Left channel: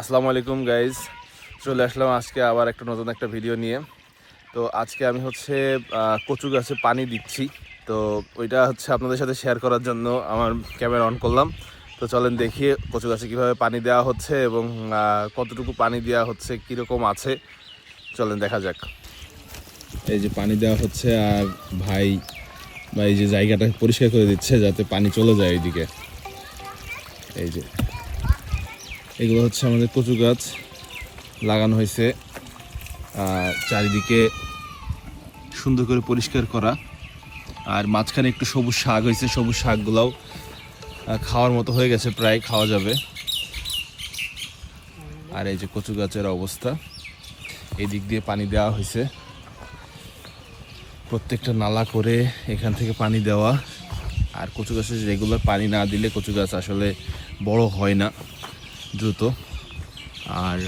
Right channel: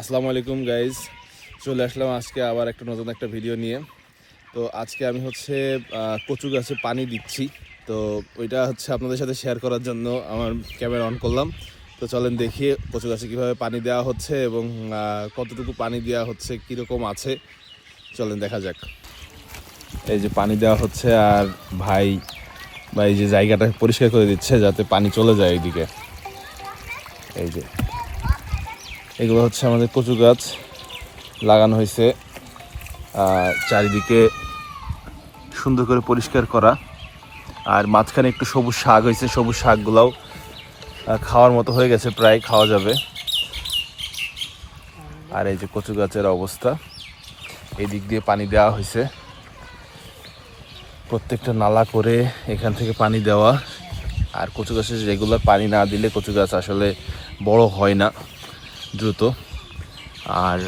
আসসালামু আলাইকুম গাইজ চলে আসলাম আজকে আবার একটা নতুন একটা ভিডিও নিয়ে। তো আজকে আমি হচ্ছে কচু গাছে পানি দিচ্ছি। তো ওইটা হচ্ছে আপনাদের সাথে শেয়ার করার জন্য আমার ক্যামেরা অন করলাম। তো চলেন দেখি কচু গাছে কীভাবে পানি দেওয়া হচ্ছে এবং কতটুকু পানি দেওয়া হচ্ছে, কীরকম আছে। চলেন দেখা যাক। এই যে পানি দেওয়া হচ্ছে আর ভাই বা এই যে জায়গাটা পরিষ্কার করে দিচ্ছে যাতে পানি চলে যায় এইদিকে এই যে। এগুলো হচ্ছে আমাদের কচু গাছ লাগানো হয়েছে। চারিদিকে সুন্দর করে পরিষ্কার করা। আর মাঝখানে একটু সবুজ শাক হয়েছে, সবুজ শাকগুলাও খাওয়ার মতো হয়ে গেছে, প্রায় খাওয়া যাবে। আর এই যে কচু গাছের অবস্থা এই দিক দিয়ে পানি দেওয়া হয়েছে। প্রত্যেকটা নালা করে এখান থেকে পানি দেওয়া। আর কচু গাছে রেগুলার পানি না দিলে কচু গাছ আসলে বড় হয় না। দ্রুত। আর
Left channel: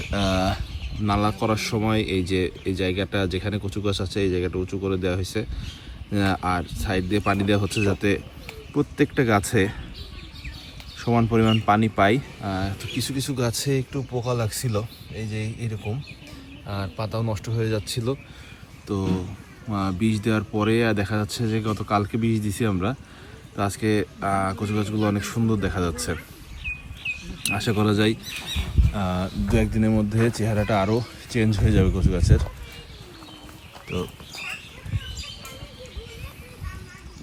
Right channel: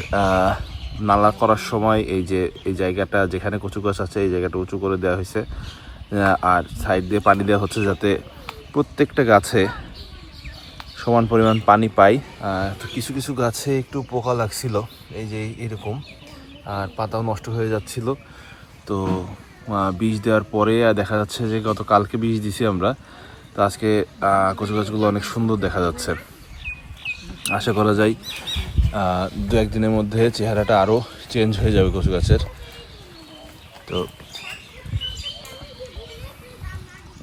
নালা করার সময় এই যে, এই জায়গাটা, যেখানে কচু গাছ আছে, এই জায়গাটা উঁচু করে দেওয়া হয়েছে। আর সাইড দিয়ে পানি দেওয়া হচ্ছে যাতে প্রত্যেকটা গাছে সমান পরিমাণ পানি পাই। আর কিছু কিছু গাছে একটু পোকা লাগছিল, এই যে এরকম। আর পাতাও নষ্ট হয়ে যাচ্ছিল। তো বীজ দেওয়ার পরে, আর দেখা যাচ্ছে যে গত কালকে বীজ দিছি আমরা। তো আজকে কচু গাছগুলো অনেক সুন্দর দেখা যাচ্ছে। আশা করা যায় দু একদিনের মধ্যে চেহারাটা আরও চেঞ্জ হয়ে যাবে কচু গাছের। তো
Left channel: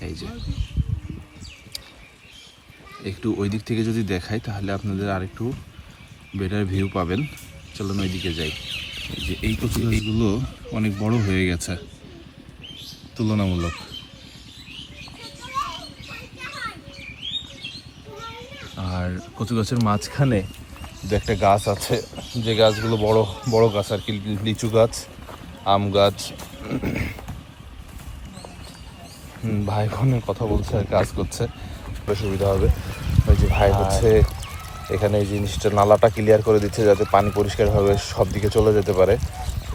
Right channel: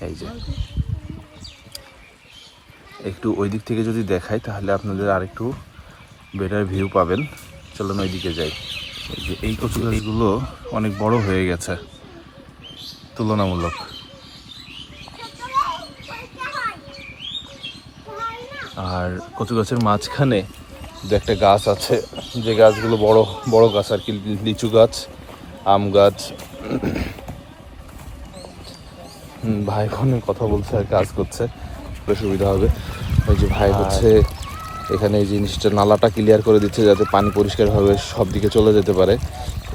এই যে। একটু ওই দিক থেকে যদি দেখাই, তাহলে আপনাদের আরেকটু বেটার ভিউ পাবেন। চলুন ওই দিকে যাই যে এই কচু গাছগুলো অনেক বড় হয়ে গেছে, তুলনামূলক। আর কচু গাছের মাঝখানে যে একটা গাছ আছে, যে গাছগুলো বড় বড় গাছ আর কি, লিচু গাছ, আম গাছ। ভাই ফোনে কথা বলছে আর কাজ করছে, বেশ সুবিধা হবে। এই যে ভাই হচ্ছে, এখানে এই জিনিসটা নালাটা ক্লিয়ার করে দিচ্ছে যাতে পানি পরিষ্কারভাবে সব দিকে চলে যেতে পারে।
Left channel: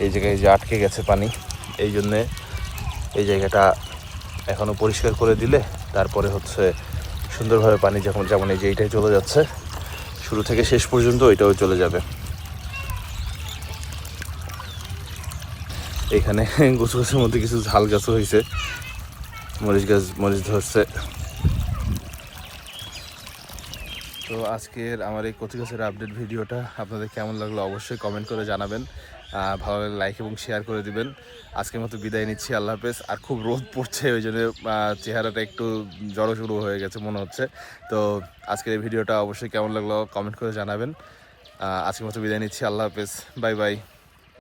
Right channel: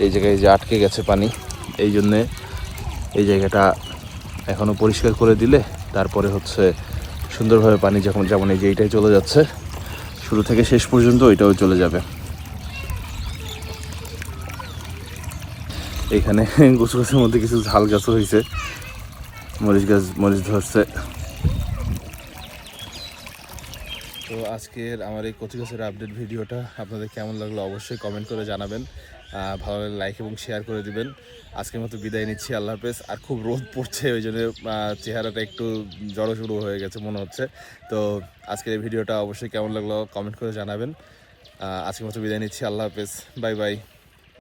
এই জায়গায় যে আটকে গেছে পানি, এই জন্যে এই জায়গাটা এখনও পরিষ্কার করে দিলে তারপরে হচ্ছে সুন্দরভাবে পানি যখন যেমন এই যে এইটাই চলে যাচ্ছে। শুরু থেকে শেষ পর্যন্ত এটাও চলে যাবে। এখানে গুছ গাছের মধ্যে কিছু ঝাল গাছও হয়েছে। মরিচ গাছ, মরিচ ধরছে। তো আজকের আমার এই কচু গাছের আপডেট ভিডিওটা আপনাদের কেমন লাগল অবশ্যই কমেন্ট করে জানাবেন। ভালো লাগলে লাইক এবং শেয়ার করে দিবেন। আজকের মতো বিদায় নিচ্ছি, আল্লাহ হাফেজ। আর খুব রোদ পড়ছে, ওই জন্য চেহারাটা একটু জড়ো শুরু হয়ে গেছে মনে হচ্ছে। তো আজকের এই ভিডিওটা অবশ্যই কেমন লাগল কমেন্ট করে জানাবেন। আজকের মতো বিদায় নিচ্ছি, আল্লাহ হাফেজ। Bye bye